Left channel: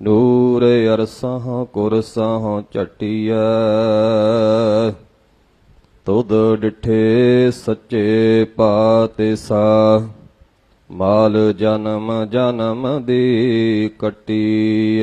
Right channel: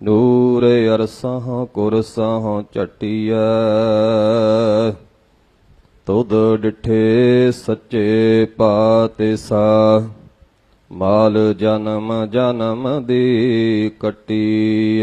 ਨੂਰ ਅਰਸਹ, ਕੁਰਸਹ ਚਟਿਐ ਤੁਧ ਡਿਠੇ ਸੱਚੇ ਪਾਤਿਸਾ। ਮਾਲ ਜਨਮ ਜਨਮ ਦੀ ਕਟੀ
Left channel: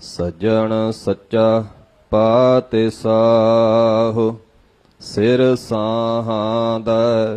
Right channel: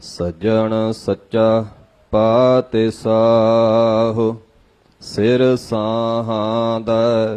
ਸਜਣ ਸੱਚਾ ਪਾਤਿਸਾਹੁ, ਸਿਰ ਸਾਹਾਦਾ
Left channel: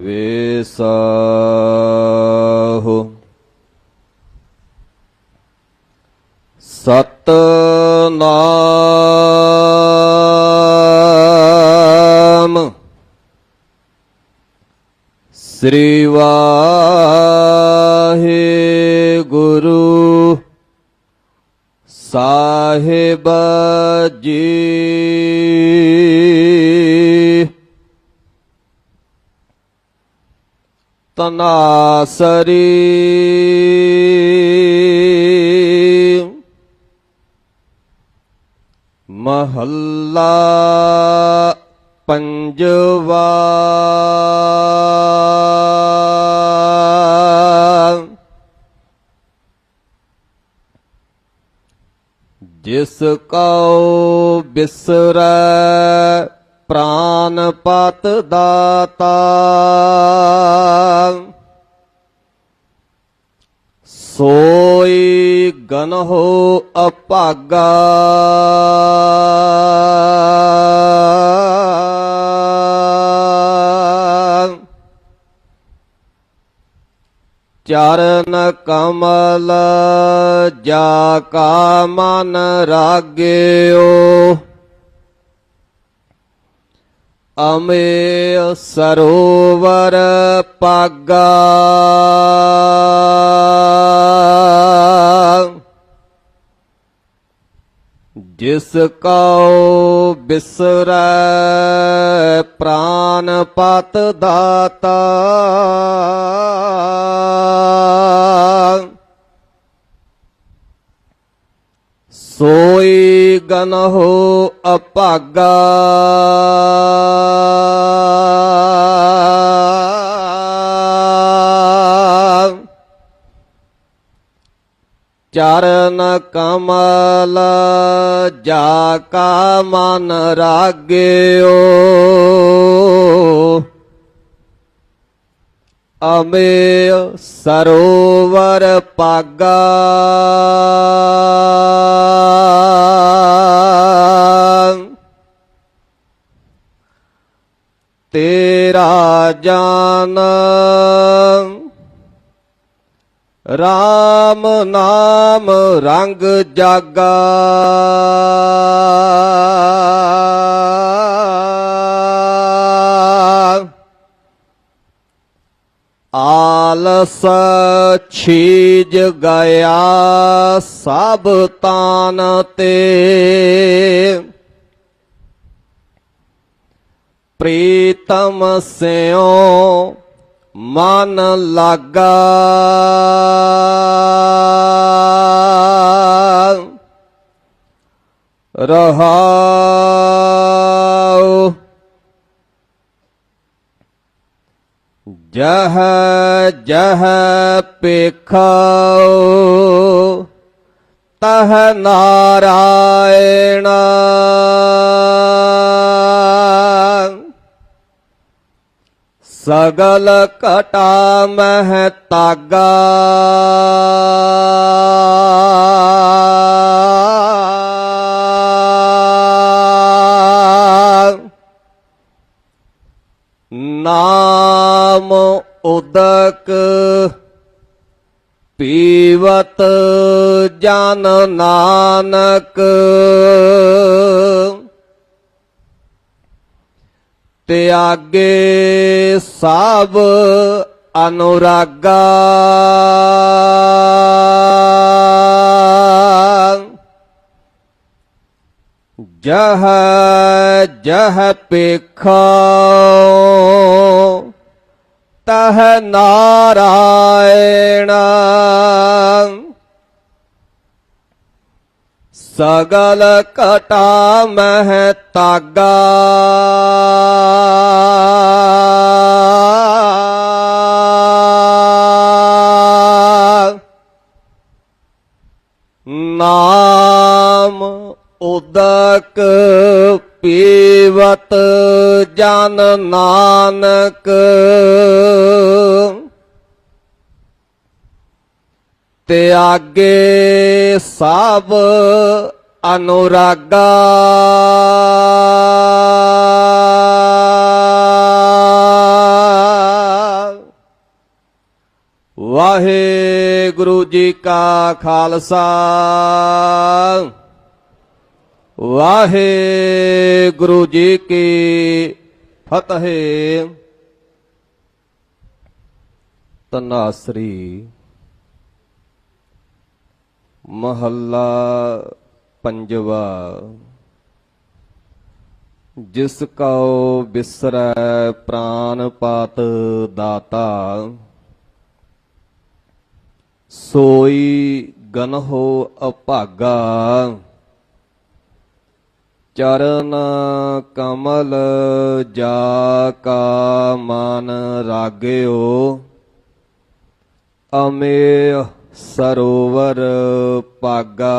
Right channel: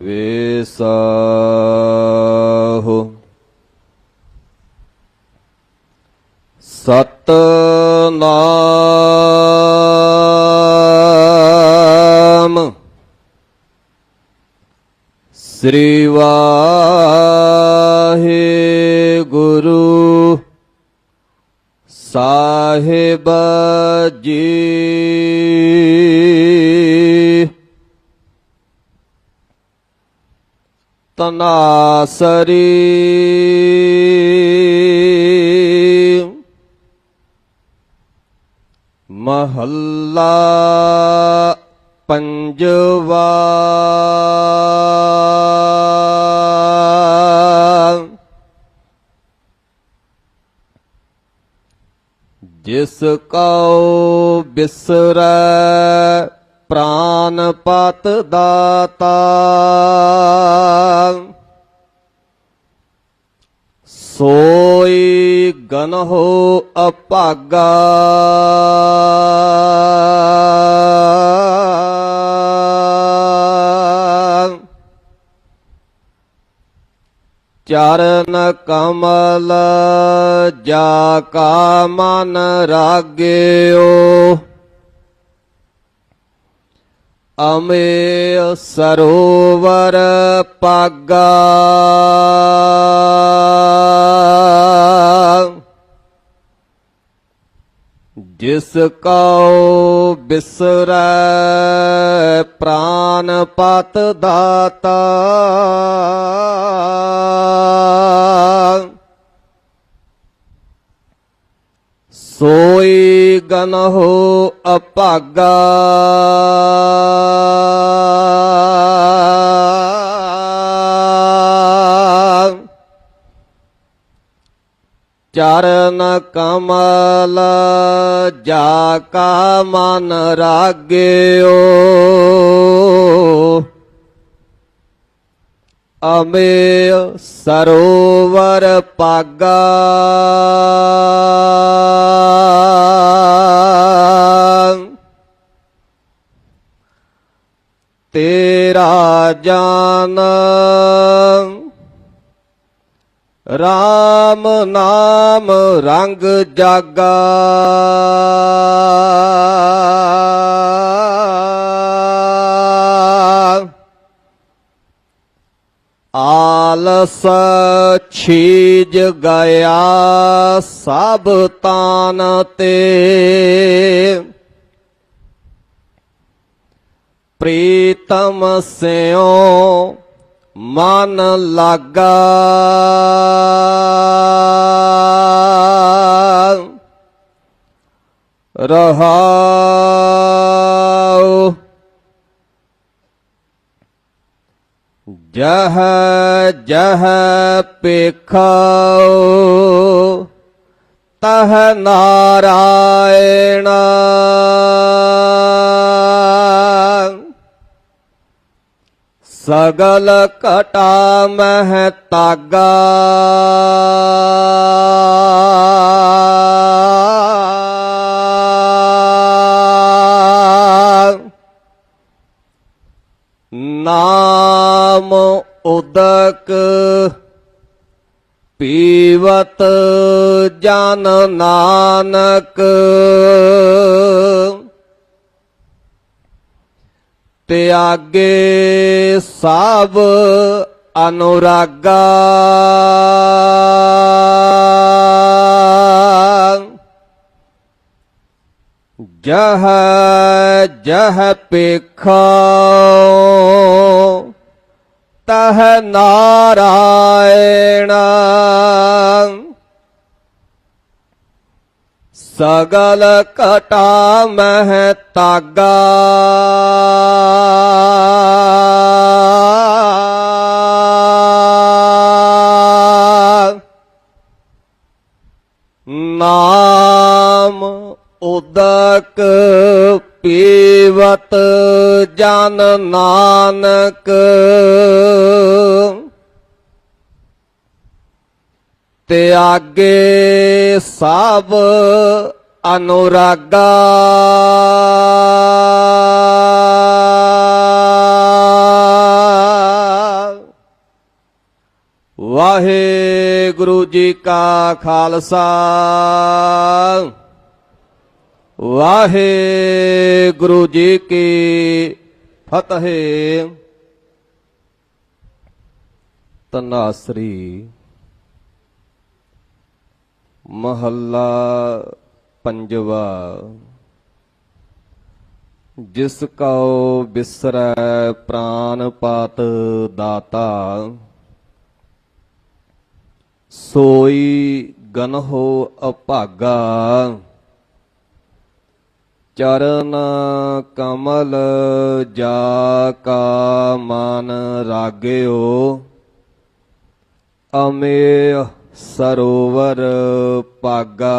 वेसः सतनाम श्रीवाहे गुरु साहेब जी ਤਨਾਸਰੀ ਮਹੱਲਾ ਪੰਜਵਾ। ਜਿਸ ਕਉ ਬਿਸਰੈ ਪ੍ਰਾਨ ਪਤ ਦਾਤਾ। ਸੋਈ ਗਨਹੁ ਅਭਾਗਾ। ਚਰਨ ਕਮਲ ਜਾ ਕਾ ਮਨ ਰਾਗਿਓ। ਅਮੇ ਸਰੋਵਰ ਪਾਗਾ। ਜਿਸ ਕਉ ਬਿਸਰੈ ਪ੍ਰਾਨ ਪਤ ਦਾਤਾ। ਸੋਈ ਗਨਹੁ ਅਭਾਗਾ। ਚਰਨ ਕਮਲ ਜਾ ਕਾ ਮਨ ਰਾਗਿਓ। ਅਮੇ ਸਰੋਵਰ ਪਾਗਾ ਜਾਨ। RAM ਨਾਮ ਰੰਗ ਜਾਗਾ। ਆਲਸ ਛੀਜ ਗਿਆ ਸਭ ਤਾਨ ਤੇ। ਪ੍ਰੀਤਮ ਸਿਓ ਮਨ ਲਾਗਾ। ਰਹਾਉ। ਜਹ ਜਹ ਪੇਖੋ ਤਹ ਨਾਰਾਇਣ। ਸਗਲ ਕਟਾ ਮਹਿ ਤਾਗਾ। ਨਾਮ ਉਦਕ ਪੀਵਤ ਜਨ ਨਾਨਕ। ਤਿਆਗੇ ਸਭ ਅਨੁਰਾਗਾ। ਜਹ ਜਹ ਪੇਖੋ ਤਹ ਨਾਰਾਇਣ ਸਗਲ ਘਟਾ ਮਹਿ ਤਾਗਾ। ਨਾਮ ਉਦਕ ਪੀਵਤ ਜਨ ਨਾਨਕ। ਤਿਆਗੇ ਸਭ ਅਨੁਰਾਗਾ। ਵਾਹਿਗੁਰੂ ਜੀ ਕਾ ਖਾਲਸਾ। ਵਾਹਿਗੁਰੂ ਜੀ ਕੀ ਫਤਿਹ। ਤਨਾਸਰੀ ਮਹੱਲਾ ਪੰਜਵਾ। ਜਿਸ ਕਉ ਬਿਸਰੈ ਪ੍ਰਾਨ ਪਾਤ ਦਾਤਾ, ਸੋਈ ਗਨਹੁ ਅਭਾਗਾ, ਚਰਨ ਕਮਲ ਜਾ ਕਾ ਮਨ ਰਾਗਿਓ ਅਮੇ ਸਰੋਵਰ ਪਾਗਾ